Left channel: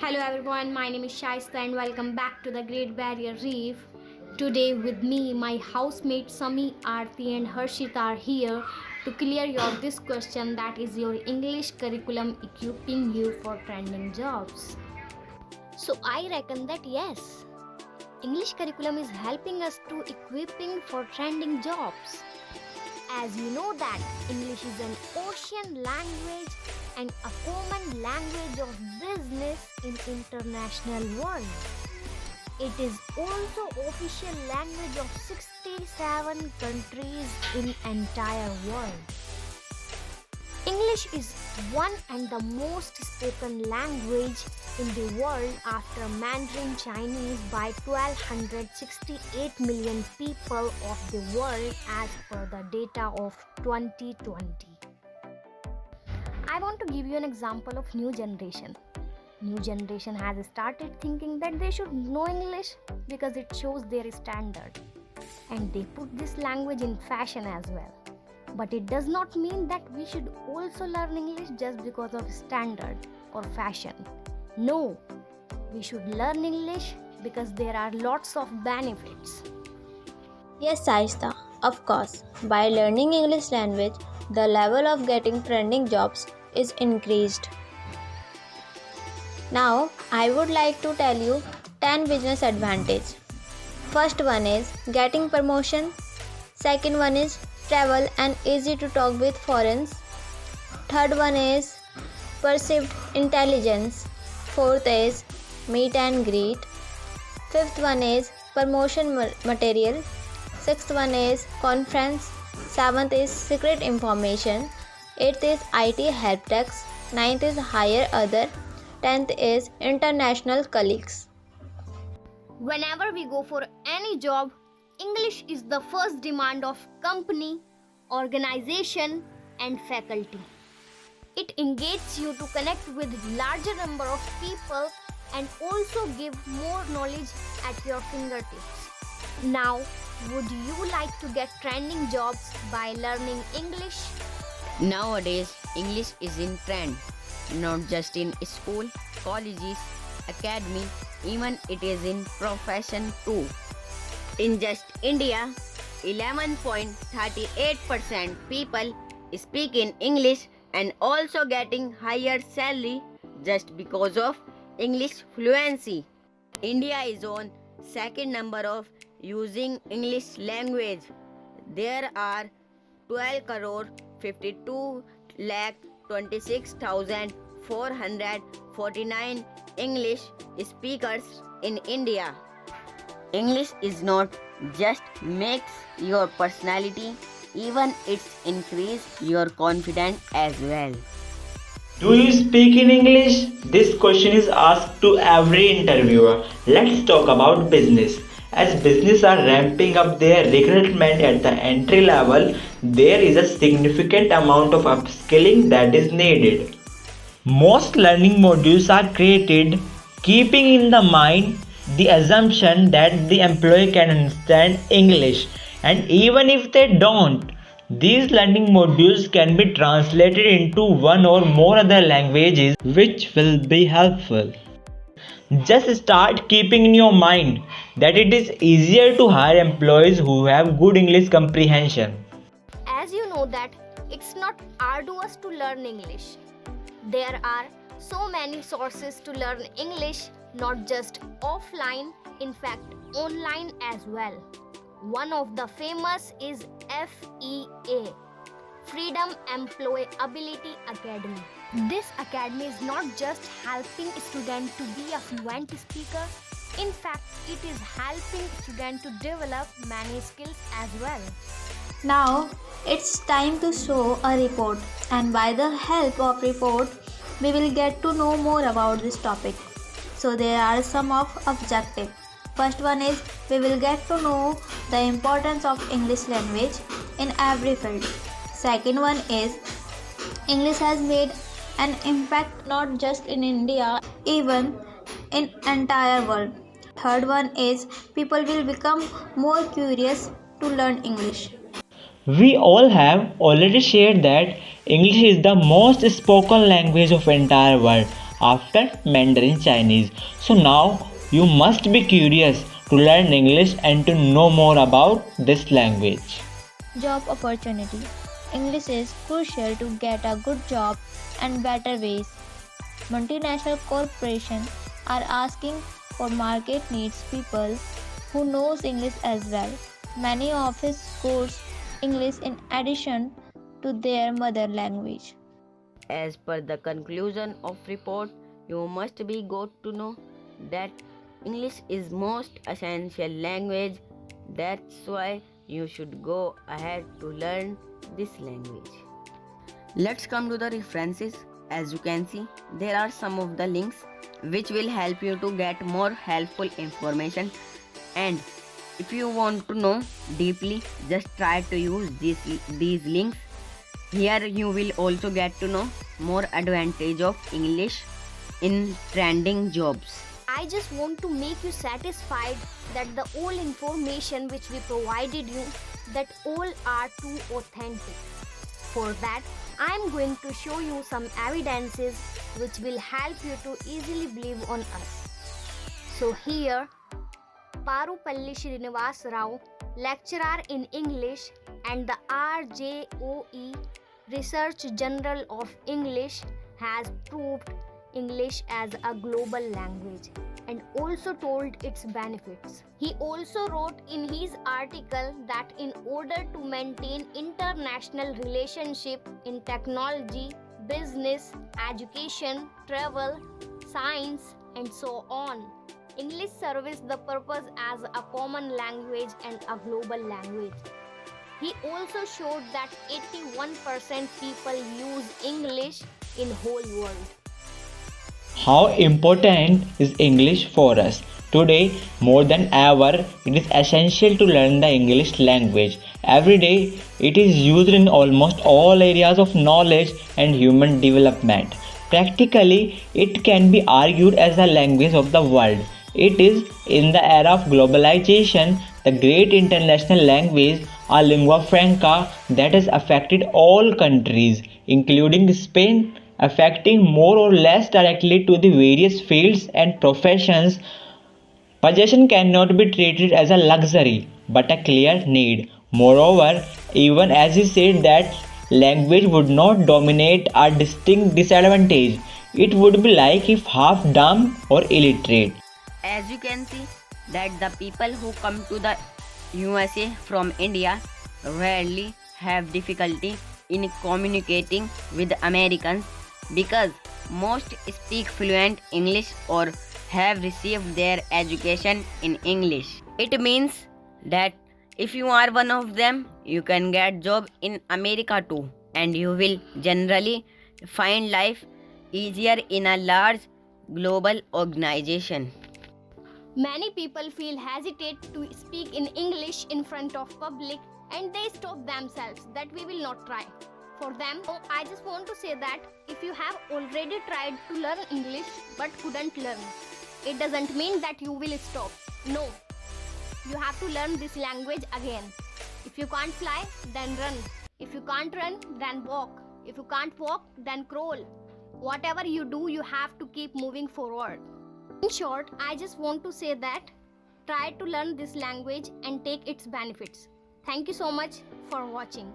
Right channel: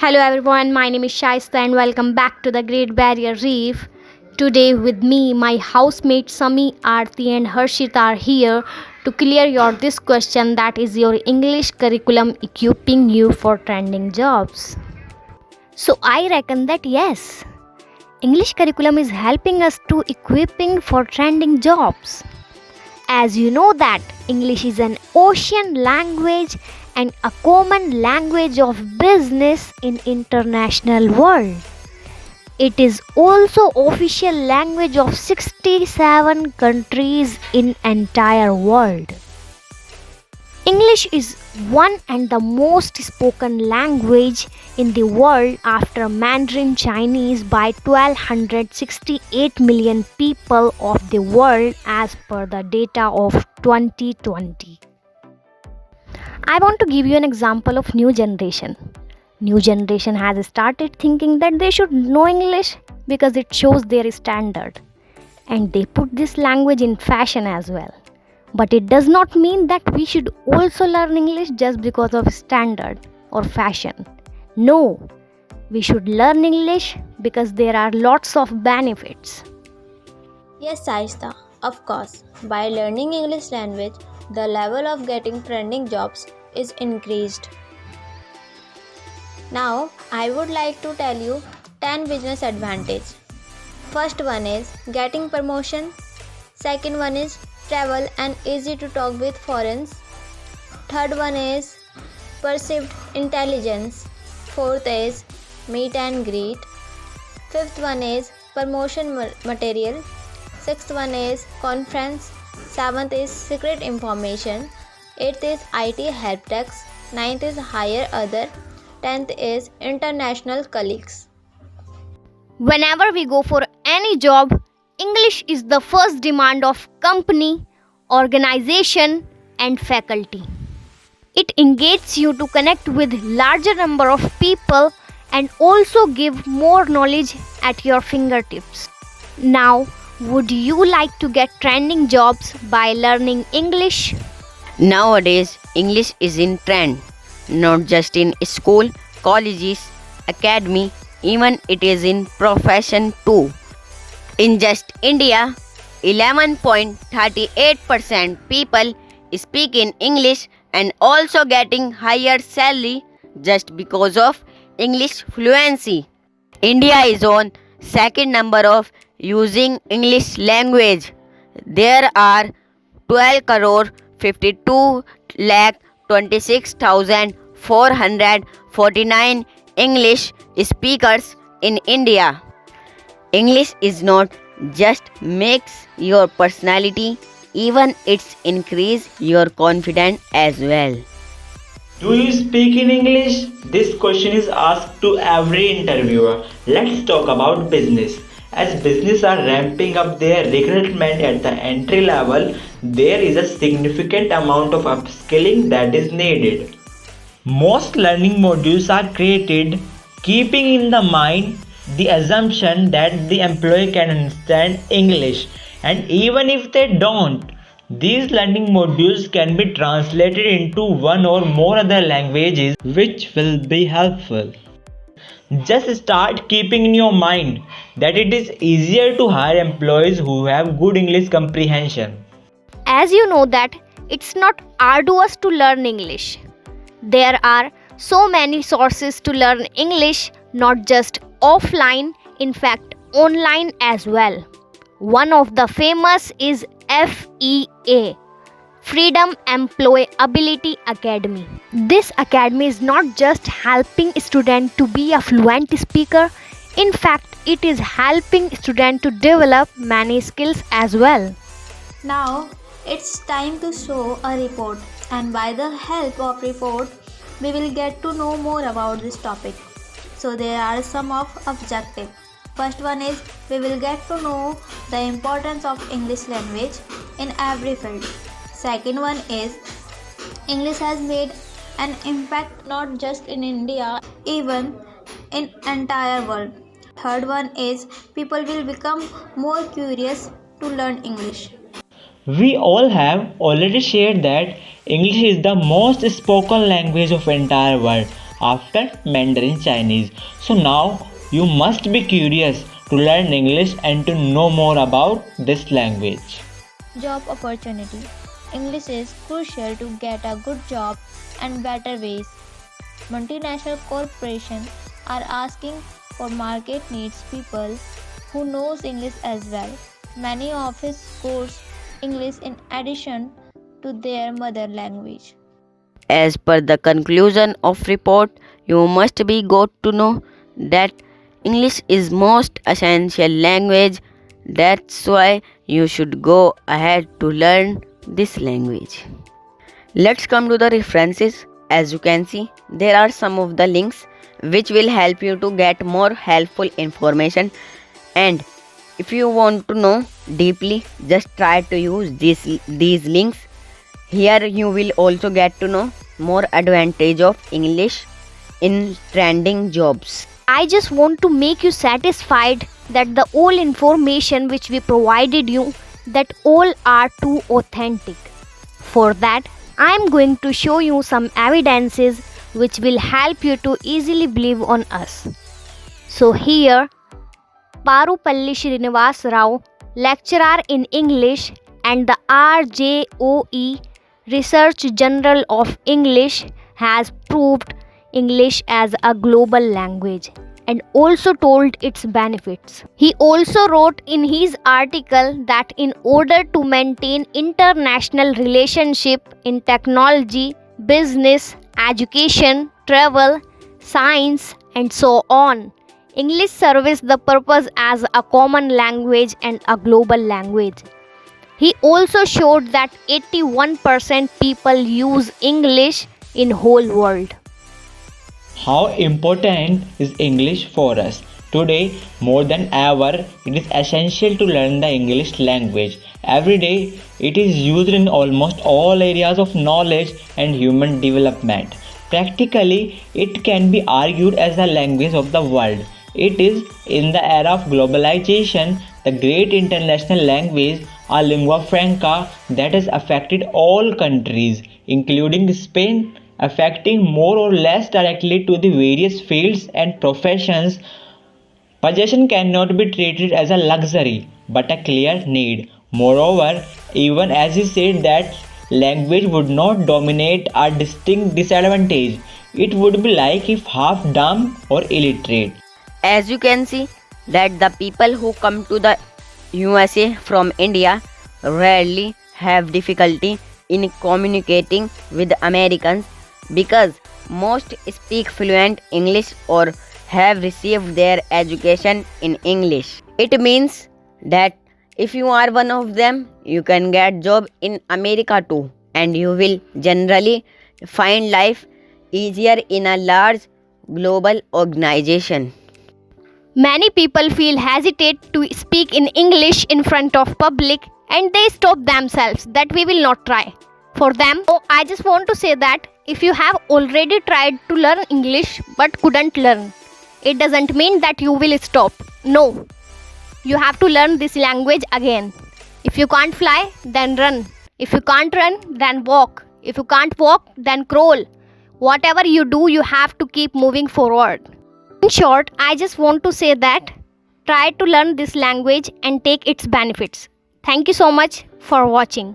Hello everyone, my name is Shaista and welcome back to the Great Barrier Reef. Today with me, my housemates Sami, Aarti and Harshit are here to clear your this question, that is your English curriculum equipping you for trending jobs. So I reckon that yes, English curriculum is helping us to equipping for trending jobs. As you know that English is an ocean language and a common language of business in international world. It is also official language of 67 countries in entire world. English is one and the most spoken language in the world after Mandarin Chinese by 1268 million people of the world as per the data of 2020. I want to give you an example of new generation. New generation has started thinking that they should know English because it shows their standard, and they put this language in fashion as well. But it does not mean that we should also learn English just because of standard or fashion. No, we should learn English because there are lots of benefits. Yes, Saista, of course. By learning English language, the level of getting trending jobs is increased. Now, I would like to tell you 10 business advantage. First one is getting promotion. Second one is travel and easy to talk with foreigners. Third one is perceived intelligence. Fourth is meet and greet. Fifth one is promotion material. Sixth one is conference. Seventh is secret information. Eighth is IT help desk. Ninth is hire other. 10th is international colleagues. Whenever we go for any job, English is the first demand of company, organization and faculty. It engages you to connect with larger number of people and also give more knowledge at your fingertips. Now, would you like to get trending jobs by learning English? Nowadays, English is in trend, not just in school, colleges, academy, even it is in profession too. In just India, 11.38% people speak in English and also getting higher salary just because of English fluency. India is on second number of using English language. There are 12 crore 52 lakh 26,449 English speakers in India. English is not just makes your personality, even it's increase your confidence as well. Do you speak in English? This question is asked to every interviewer. Let's talk about business. As business are ramping up their recruitment at the entry level, there is a significant amount of upskilling that is needed. Most learning modules are created keeping in the mind the assumption that the employee can understand English, and even if they don't, these learning modules can be translated into one or more other languages, which will be helpful. Just start keeping in your mind that it is easier to hire employees who have good English comprehension. As you know that it's not arduous to learn English. There are so many sources to learn English, not just offline, in fact online as well. One of the famous is FEA, Freedom Employability Academy. This academy is not just helping students to be a fluent speaker, in fact it is helping students to develop many skills as well. Now, it's time to show a report, and by the help of report, we will get to know more about this topic. So there are some of objective. First one is we will get to know the importance of English language in every field. Second one is English has made an impact not just in India, even in entire world. Third one is people will become more curious to learn English. We all have already shared that English is the most spoken language of entire world. after Mandarin Chinese. So now you must be curious to learn English and to know more about this language. Job opportunity. English is crucial to get a good job and better ways. Multinational corporations are asking for market needs people who knows English as well. Many office course English in addition to their mother language. As per the conclusion of report, you must be got to know that English is most essential language. That's why you should go ahead to learn this language. Let's come to the references. As you can see, there are some of the links which will help you to get more helpful information, and if you want to know deeply, just try to use these links. Here you will also get to know more advantage of English in trending jobs. I just want to make you satisfied that the all information which we provided you, that all are too authentic. For that, I am going to show you some evidences which will help you to easily believe on us. So here, Parupalli Srinivas Rao, lecturer in English and the RJOE Research Journal of English, has proved English as a global language and also told its benefits. He also wrote in his article that in order to maintain international relationship in technology, business, education, travel, science and so on, English serves the purpose as a common language and a global language. He also showed that 81% people use English in whole world. How important is English for us? Today, more than ever, it is essential to learn the English language. Every day, it is used in almost all areas of knowledge and human development. Practically, it can be argued as the language of the world. It is in the era of globalization, the great international language, a lingua franca that has affected all countries, including Spain, affecting more or less directly to the various fields and professions. Possession cannot be treated as a luxury but a clear need. Moreover, even as he said that language would not dominate a distinct disadvantage, it would be like if half dumb or illiterate. As you can see that the people who come to the USA from India rarely have difficulty in communicating with Americans because most speak fluent English or have received their education in English. It means that if you are one of them, you can get job in America too, and you will generally find life easier in a large global organization. Many people feel hesitate to speak in English in front of public and they stop themselves that we will not try. For them, I just want to say that if you have already tried to learn English but couldn't learn, it doesn't mean that you will stop. No, you have to learn this language again. If you can't fly, then run. If you can't run, then walk. If you can't walk, then crawl. Whatever you do, you have to keep moving forward. In short, I just want to say that try to learn this language and take its benefits. Thank you so much for watching.